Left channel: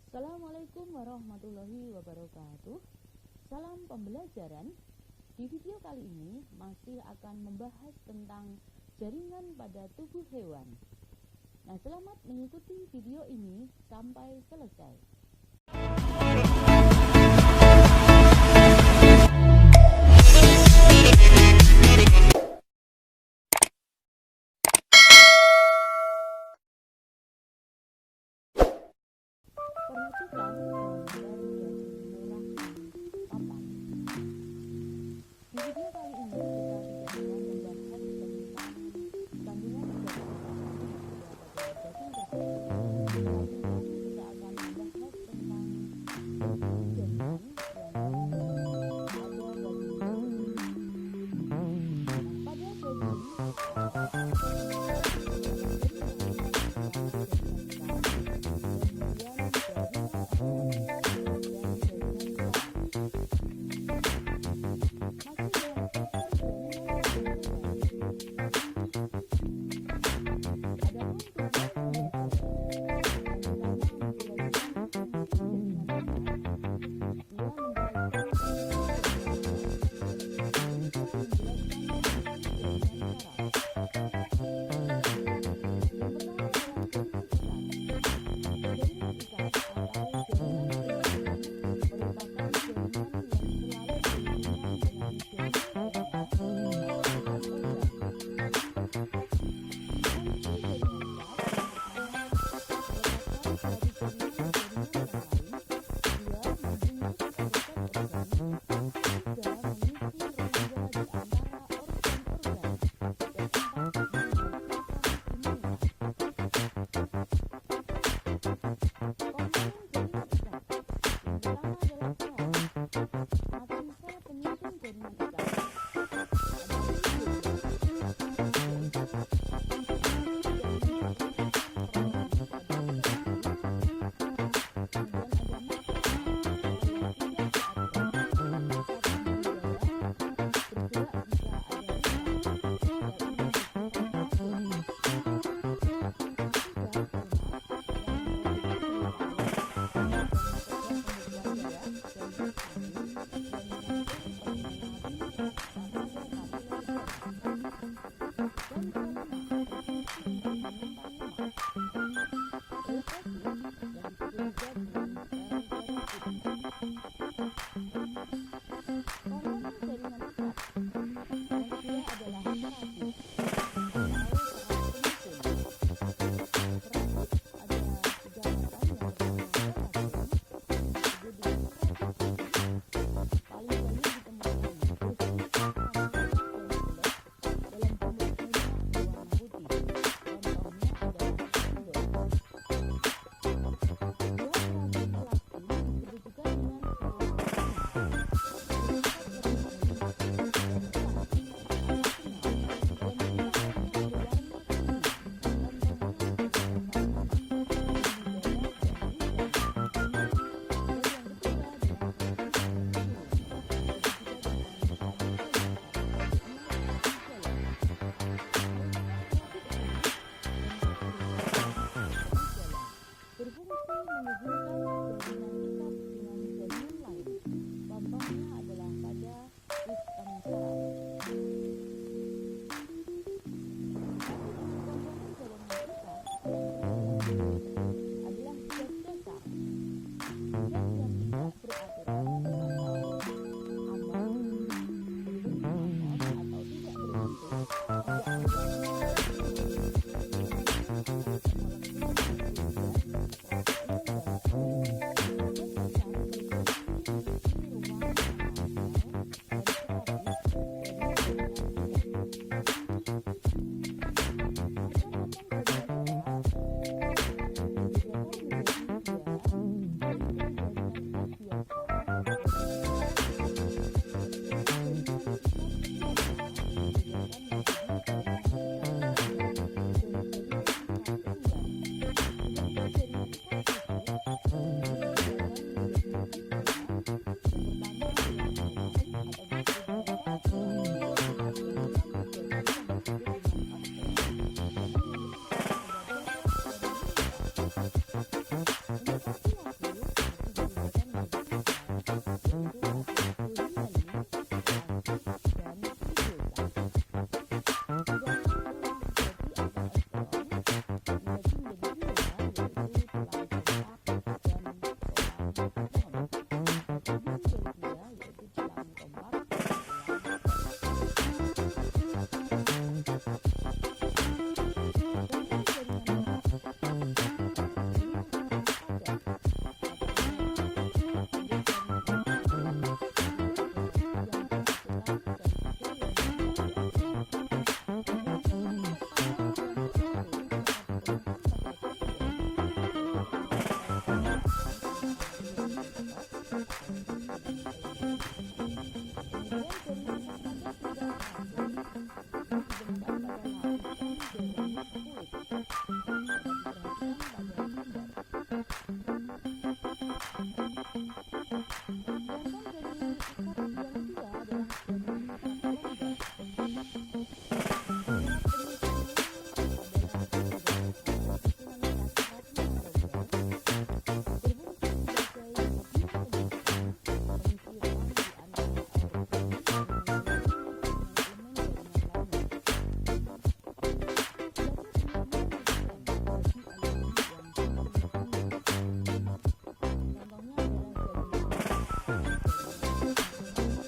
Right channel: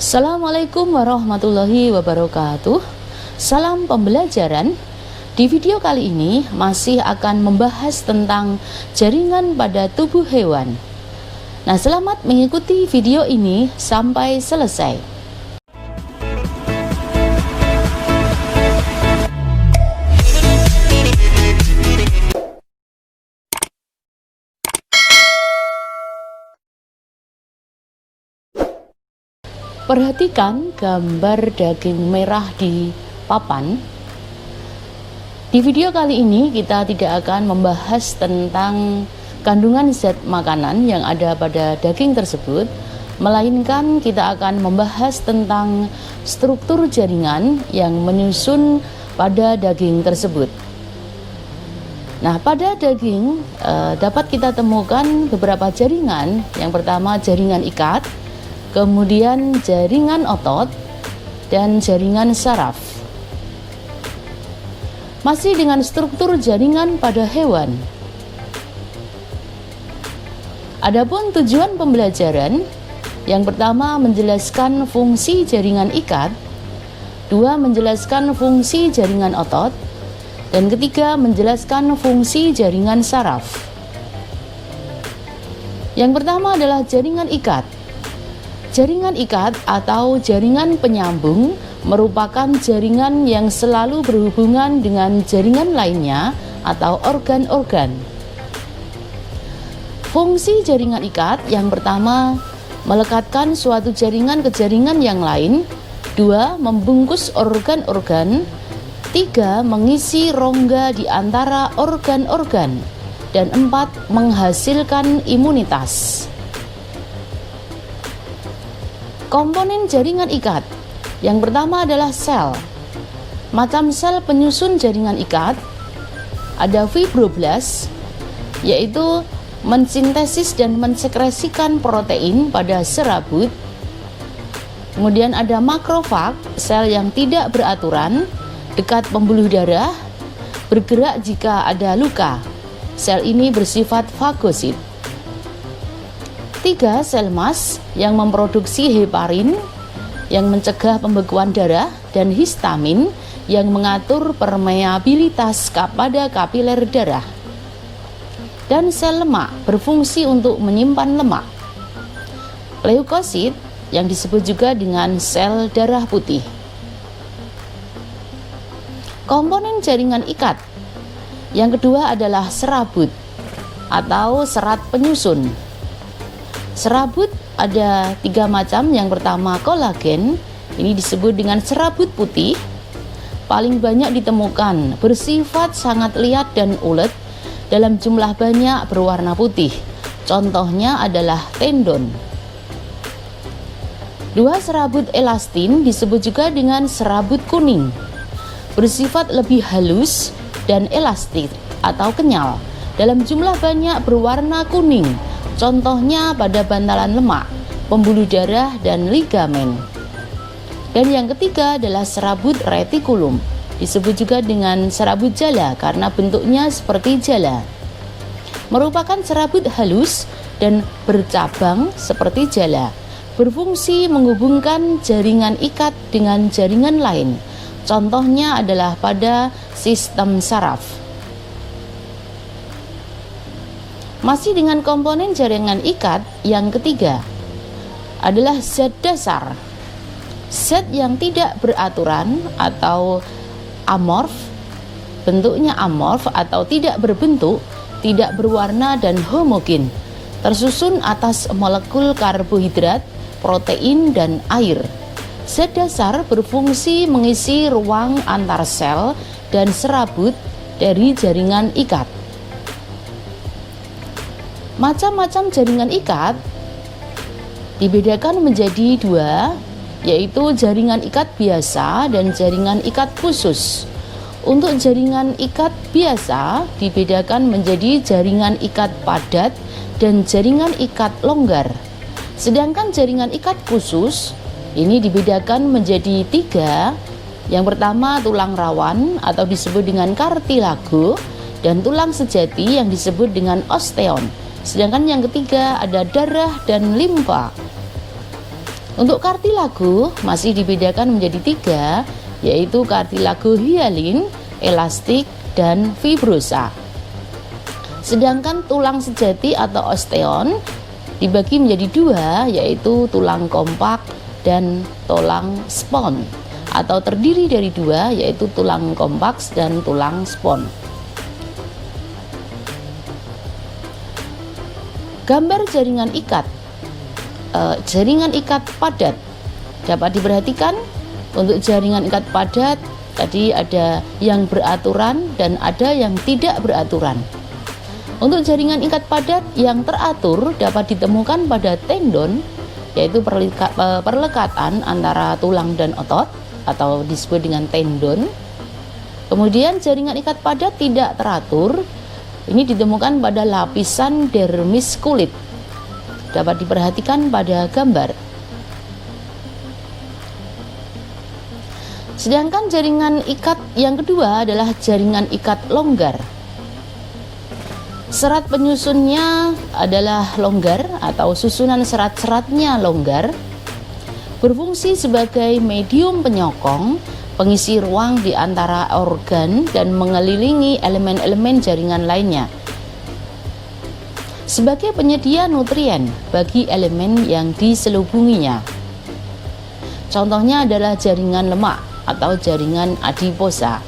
Assalamualaikum warahmatullahi wabarakatuh. Salam pembelajaran. Di video kali ini masih akan membahas tentang jaringan pada tubuh hewan. Nah, selamat mengikuti video ini sampai selesai. Perhatikan gambar daging merah di papan. Di video kali ini kita tidak akan membahas tentang kandungan zat makanan yang ada pada daging tersebut, melainkan kita akan membahas tentang struktur jaringan yang menyusun pada daging tersebut. Nah, pada daging dapat kita temukan beberapa jaringan. Yang pertama jaringan ikat, kemudian jaringan otot, dan jaringan saraf. Masih dengan struktur jaringan pada hewan. Adapun tujuan pembelajaran, yang pertama menjelaskan fungsi jaringan ikat, dua menjelaskan fungsi jaringan otot, dan ketiga menjelaskan fungsi jaringan saraf. Yang pertama adalah jaringan ikat. Jaringan ikat atau jaringan penyambung merupakan jaringan yang selalu berhubungan dengan jaringan lainnya atau organ-organ. Fungsi jaringan ikat yang pertama, melekatkan suatu jaringan ke jaringan yang lain. Dua, membungkus organ-organ. Tiga, mengisi rongga di antara organ-organ. Dan empat, menghasilkan imunitas. Komponen jaringan ikat. Yang pertama adalah sel. Macam sel penyusun jaringan ikat, ada fibroblast, yaitu mensintesis dan mensekresikan protein pada serabut. Kemudian ada makrofag, sel yang tidak beraturan, dekat pembuluh darah, bergerak jika ada luka. Sel ini bersifat fagosit. Tiga, sel mas yang memproduksi heparin yang mencegah pembekuan darah dan histamin yang mengatur permeabilitas pada kapiler darah. Dan sel lemak berfungsi untuk menyimpan lemak. Leukosit yang disebut juga dengan sel darah putih. Komponen jaringan ikat. Yang kedua adalah serabut atau serat penyusun. Serabut ada tiga macam. Yang pertama kolagen, ini disebut dengan serabut putih, paling banyak ditemukan, bersifat sangat liat dan ulet, dalam jumlah banyak berwarna putih. Contohnya adalah tendon. Dua, serabut elastin disebut juga dengan serabut kuning, bersifat lebih halus dan elastik atau kenyal, dalam jumlah banyak berwarna kuning. Contohnya pada bantalan lemak, pembuluh darah, dan ligamen. Dan yang ketiga adalah serabut retikulum, disebut juga dengan serabut jala karena bentuknya seperti jala. Merupakan serabut halus dan bercabang seperti jala, berfungsi menghubungkan jaringan ikat dengan jaringan lain. Contohnya adalah pada sistem saraf. Masih dengan komponen jaringan ikat, yang ketiga adalah zat dasar. Zat yang tidak beraturan atau amorf, bentuknya amorf atau tidak berbentuk, tidak berwarna dan homogen, tersusun atas molekul karbohidrat, protein, dan air. Zat dasar berfungsi mengisi ruang antar sel dan serabut dari jaringan ikat. Macam-macam jaringan ikat dibedakan menjadi dua, yaitu jaringan ikat biasa dan jaringan ikat khusus. Untuk jaringan ikat biasa dibedakan menjadi jaringan ikat padat dan jaringan ikat longgar. Sedangkan jaringan ikat khusus ini dibedakan menjadi tiga. Yang pertama tulang rawan atau disebut dengan kartilago, dan tulang sejati yang disebut dengan osteon. Sedangkan yang ketiga ada darah dan limfa. Untuk kartilago masih dibedakan menjadi 3, yaitu kartilago hyalin, elastik, dan fibrosa. Sedangkan tulang sejati atau osteon dibagi menjadi 2, yaitu tulang kompak dan tulang spon, atau terdiri dari 2, yaitu tulang kompaks dan tulang spon. Gambar jaringan ikat. Jaringan ikat padat dapat diperhatikan. Untuk jaringan ikat padat tadi ada yang beraturan dan ada yang tidak beraturan. Untuk jaringan ikat padat yang teratur dapat ditemukan pada tendon, yaitu perlekatan antara tulang dan otot atau disebut dengan tendon. Kemudian jaringan ikat padat tidak teratur ini ditemukan pada lapisan dermis kulit. Dapat diperhatikan pada gambar. Sedangkan jaringan ikat yang kedua adalah jaringan ikat longgar. Serat penyusunnya adalah longgar atau susunan serat-seratnya longgar, berfungsi sebagai medium penyokong, pengisi ruang di antara organ dan mengelilingi elemen-elemen jaringan lainnya, sebagai penyedia nutrien bagi elemen yang diselubunginya. Contohnya adalah jaringan lemak atau jaringan adiposa.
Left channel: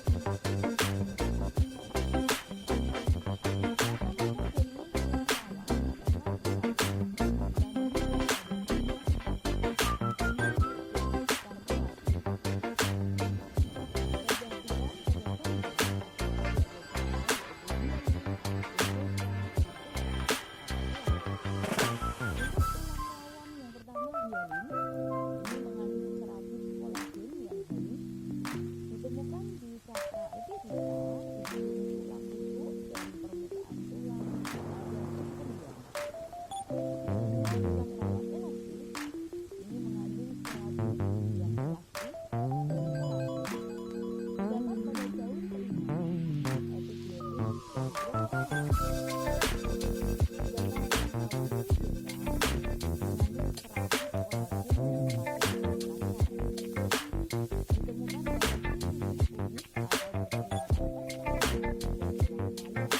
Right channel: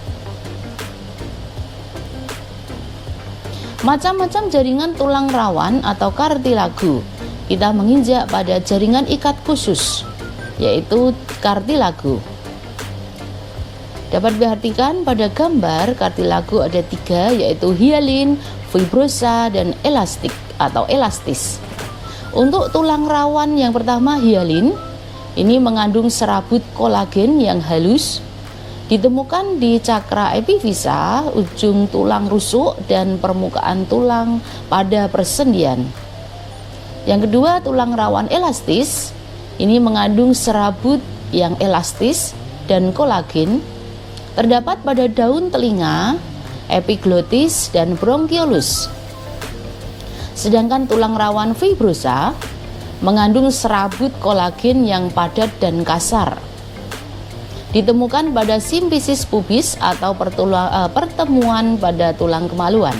Macam-macam jaringan tulang rawan atau kartilago. Kita menginjak pada jaringan ikat khusus, yaitu kartilago. Dapat diperhatikan pada gambar kartilago ada 3, yaitu hyalin, fibrosa, dan elastik atau elastis. Untuk tulang rawan yang pertama hyalin, ini mengandung serabut kolagen yang halus, ditemukan di cakra epifisa, ujung tulang rusuk, dan permukaan tulang pada persendian. Yang kedua, tulang rawan elastis, ini mengandung serabut yang elastis dan kolagen, terdapat pada daun telinga, epiglotis, dan bronkiolus. Sedangkan tulang rawan fibrosa mengandung serabut kolagen yang padat dan kasar. Ditemukan pada simfisis pubis atau pertemuan pada tulang kemaluan.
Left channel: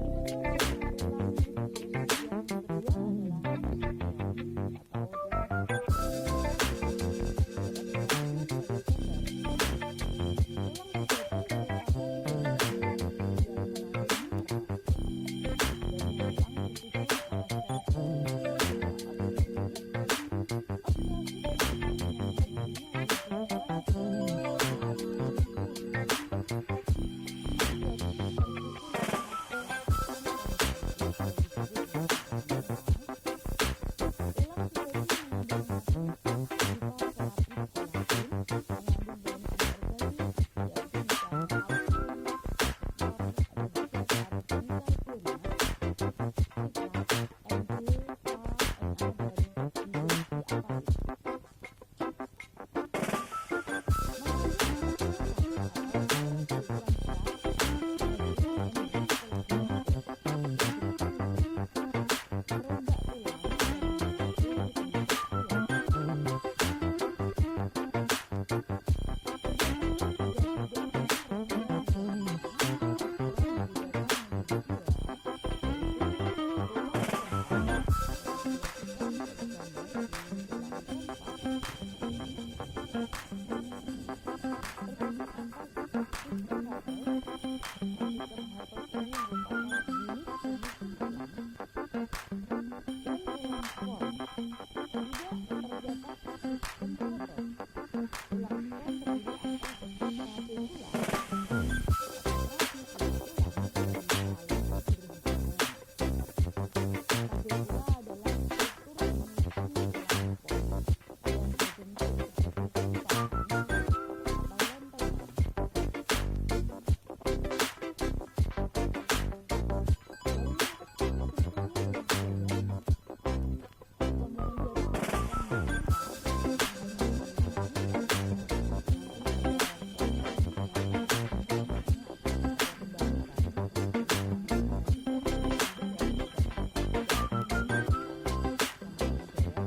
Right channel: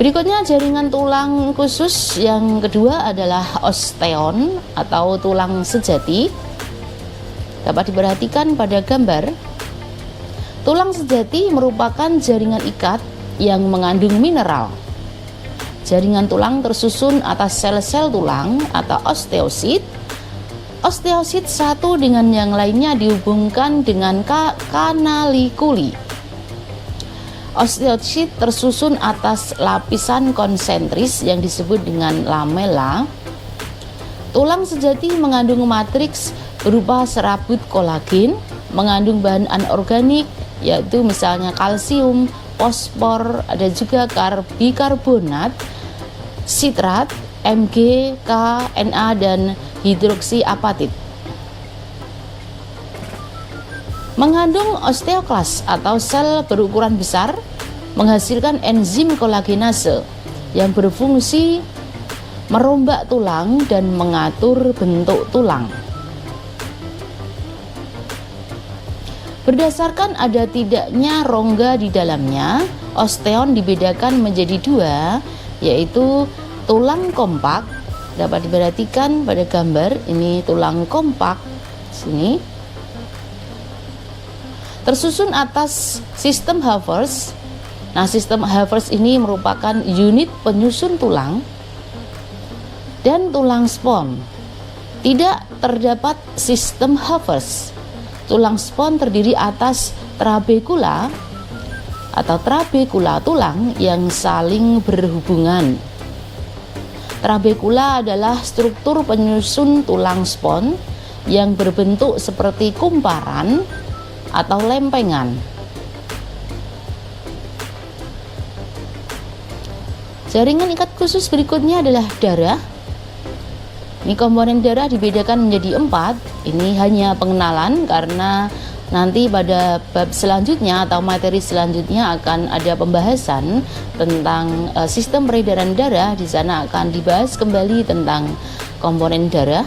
Berikutnya jaringan tulang khusus yang kedua adalah osteon atau tulang sejati. Dapat diperhatikan pada gambar. Tulang sejati merupakan jaringan ikat yang mengandung mineral. Jaringan tulang tersusun atas sel-sel tulang atau osteosit. Osteosit satu dengan yang lainnya dihubungkan dengan kanalikuli. Osteosit tersusun atas lapisan konsentris yang disebut dengan lamela. Tulang sejati mengandung matriks berupa serabut kolagen, mengandung bahan anorganik yaitu misalnya kalsium, fosfor, ada juga bikarbonat, sitrat, Mg, K, Na, dan hidroksiapatit. Mengandung osteoklas atau sel berukuran besar, menghasilkan enzim kolagenase yang berfungsi merombak tulang dan mengatur bentuk tulang. Berdasarkan ada tidaknya rongga di dalamnya, osteon dibedakan menjadi 2, yaitu tulang kompak. Dapat diperhatikan pada gambar ini tulang kompak sini. Tersusun atas sistem Havers. Nah, sistem Havers ini merupakan unit penyusun tulang dan tulang spon. Tidak terdapat sistem Havers. Tulang spon terdiri atas trabekula atau trabekula tulang yang saling berhubungan. Trabekula adalah struktur penyusun tulang spon yang berbentuk seperti kumparan atau lempengan. Jaringan ikat khusus berikutnya adalah darah. Ini komponen darah dibedakan menjadi 4. Ini hanya pengenalan karena Nanti pada bab selanjutnya atau materi selanjutnya akan ada pembahasan tentang sistem peredaran darah. Di sana akan dibahas kembali tentang komponen darah.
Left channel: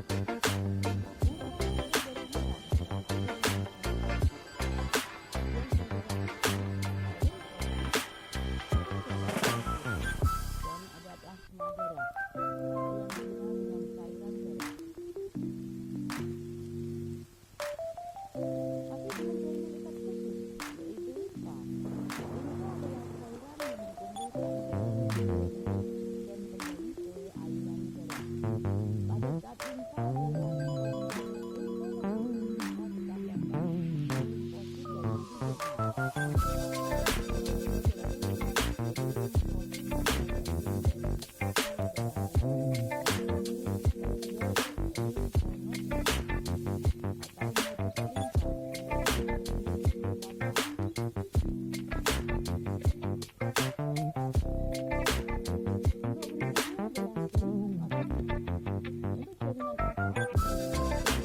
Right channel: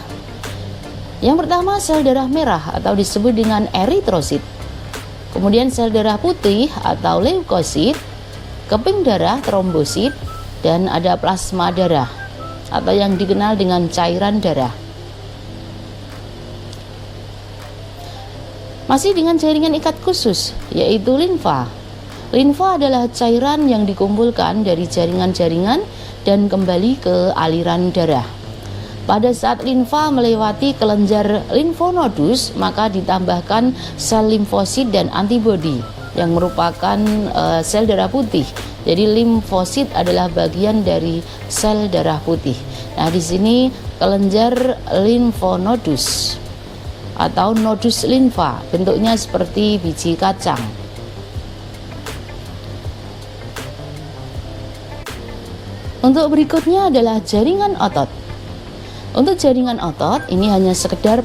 Yang pertama, sel darah merah atau disebut dengan eritrosit. Kemudian sel darah putih atau leukosit, keping darah trombosit, dan ada plasma darah atau yang dikenal dengan cairan darah. Masih dengan jaringan ikat khusus, yaitu limfa. Limfa adalah cairan yang dikumpulkan dari jaringan-jaringan dan kembali ke aliran darah. Pada saat limfa melewati kelenjar limfonodus, maka ditambahkan sel limfosit dan antibodi yang merupakan sel darah putih. Jadi limfosit adalah bagian dari sel darah putih. Nah, di sini kelenjar limfonodus atau nodus limfa, bentuknya seperti biji kacang. Untuk berikutnya adalah jaringan otot. Untuk jaringan otot ini hanya sekedar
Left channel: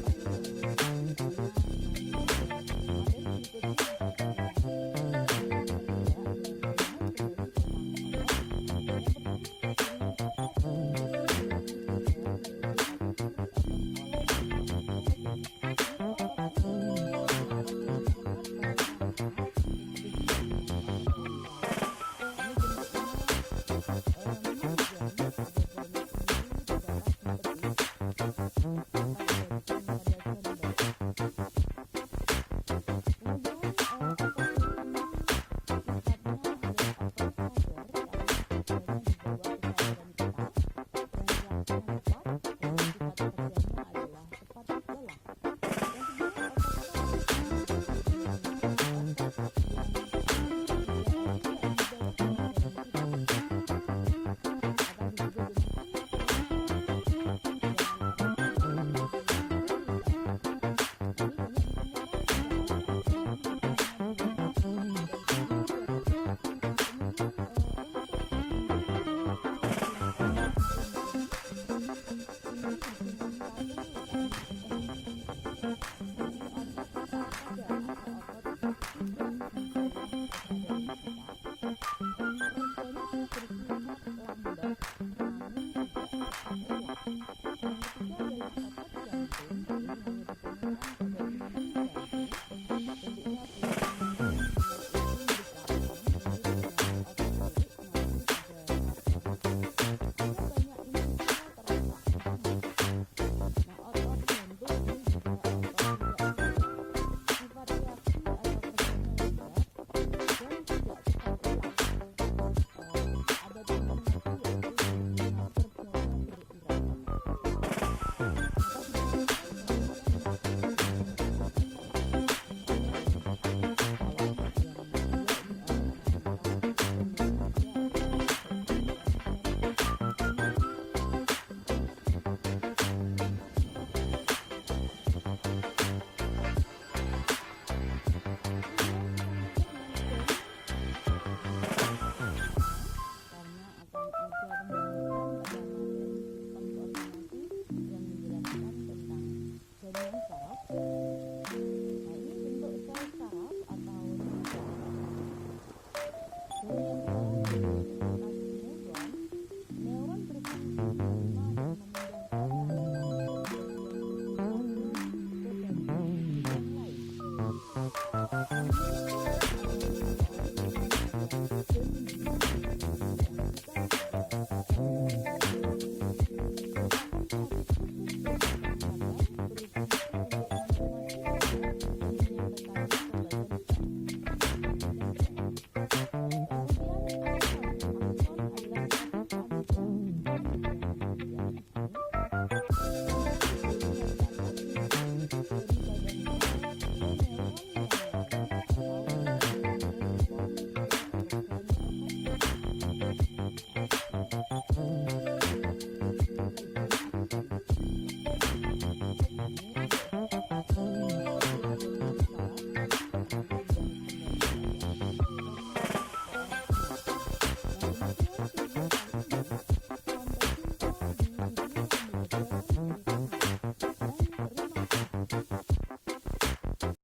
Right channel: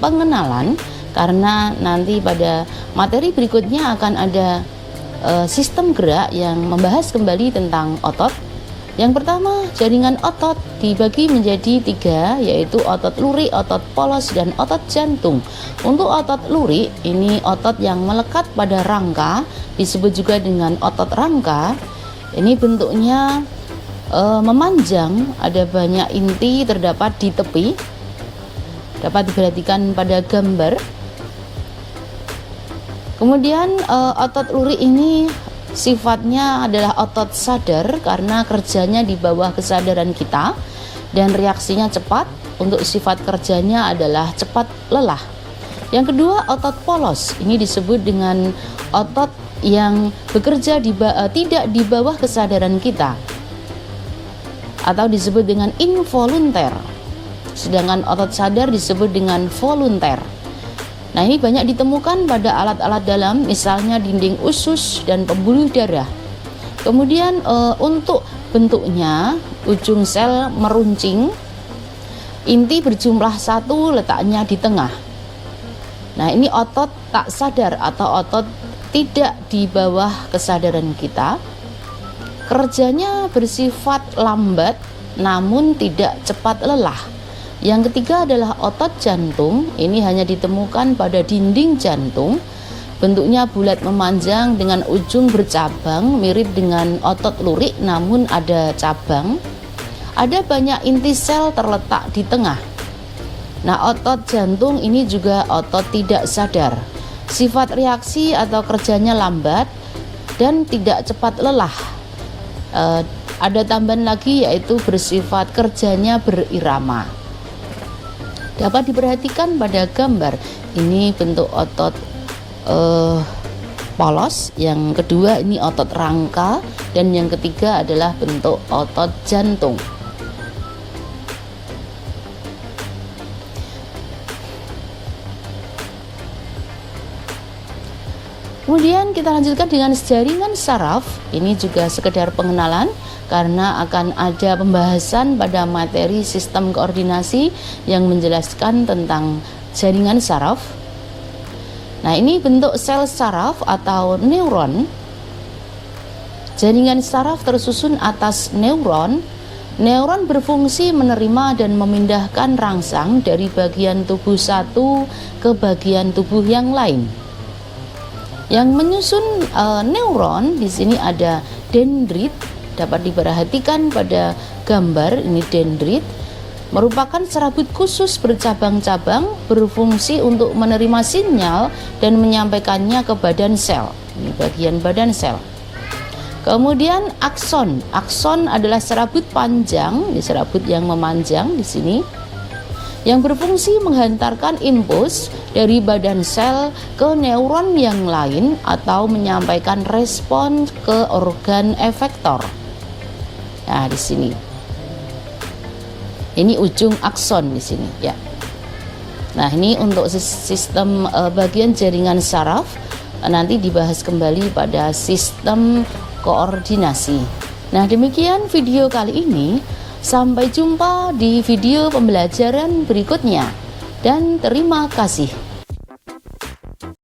pengenalan, karena nanti pada materi berikutnya akan ada sistem gerak yang membahas kembali tentang otot. Yang pertama, jaringan otot dibagi menjadi 3, yaitu otot lurik, otot polos, dan otot jantung. Untuk otot lurik, ini otot yang melekat pada rangka, disebut juga dengan otot rangka. Ini bentuknya memanjang, ada banyak inti terdapat di tepi. Dapat diperhatikan pada gambar. Kemudian otot lurik ini sifatnya adalah otot sadar karena kerjanya di bawah kesadaran kita dan reaksinya cepat. Untuk sifat kerjanya adalah cepat lelah. Yang kedua, otot polos. Ini disebut dengan otot yang bekerja tidak di bawah kesadaran kita atau disebut dengan involunter. Sedangkan otot sadar disebut dengan volunter. Nah, ini banyak ditemukan pada alat-alat dalam, misalnya dinding usus dan pembuluh darah. Kemudian untuk bentuknya, ujung sel meruncing, inti berjumlah 1, letaknya di tengah. Nah, ini otot tak sadar atau otot tidak di bawah kesadaran kita. Kerjanya bersifat lambat namun tidak cepat lelah. Yang ketiga adalah otot jantung. Ini hanya ditemukan pada dinding jantung. Bentuknya bulat memanjang dengan ujung bercabang, mirip dengan otot lurik namun ada cabang. Ada banyak inti sel terletak di tengah. Nah, otot jantung ini juga otot tidak sadar. Sifat reaksi atau kerjanya lambat dan tidak cepat lelah. Ada tambahan lagi, yaitu bersifat kerjanya berirama. Dapat diperhatikan pada gambar. Ini bentuk otot polos, yang kedua ini otot rangka, dan yang ketiga adalah bentuk otot jantung. Kemudian kita lanjutkan dengan jaringan saraf. Ini juga sekedar pengenalan karena akan ada pembahasan pada materi sistem koordinasi yang menjelaskan tentang jaringan saraf. Nah, ini bentuk sel saraf atau neuron. Jaringan saraf tersusun atas neuron. Neuron berfungsi menerima dan memindahkan rangsang dari bagian tubuh satu ke bagian tubuh yang lain. Yang menyusun neuron di sini ada dendrit. Dapat diperhatikan pada gambar, ini dendrit merupakan serabut khusus bercabang-cabang, berfungsi untuk menerima sinyal dan menyampaikannya ke badan sel. Ini bagian badan sel. Kemudian akson. Akson adalah serabut panjang, ini serabut yang memanjang di sini, yang berfungsi menghantarkan impuls dari badan sel ke neuron yang lain atau menyampaikan respon ke organ efektor. Nah, di sini. Ini ujung akson di sini, ya. Nah, ini untuk sistem bagian jaringan saraf nanti dibahas kembali pada sistem koordinasi. Nah, demikian video kali ini. Sampai jumpa di video pembelajaran berikutnya dan terima kasih.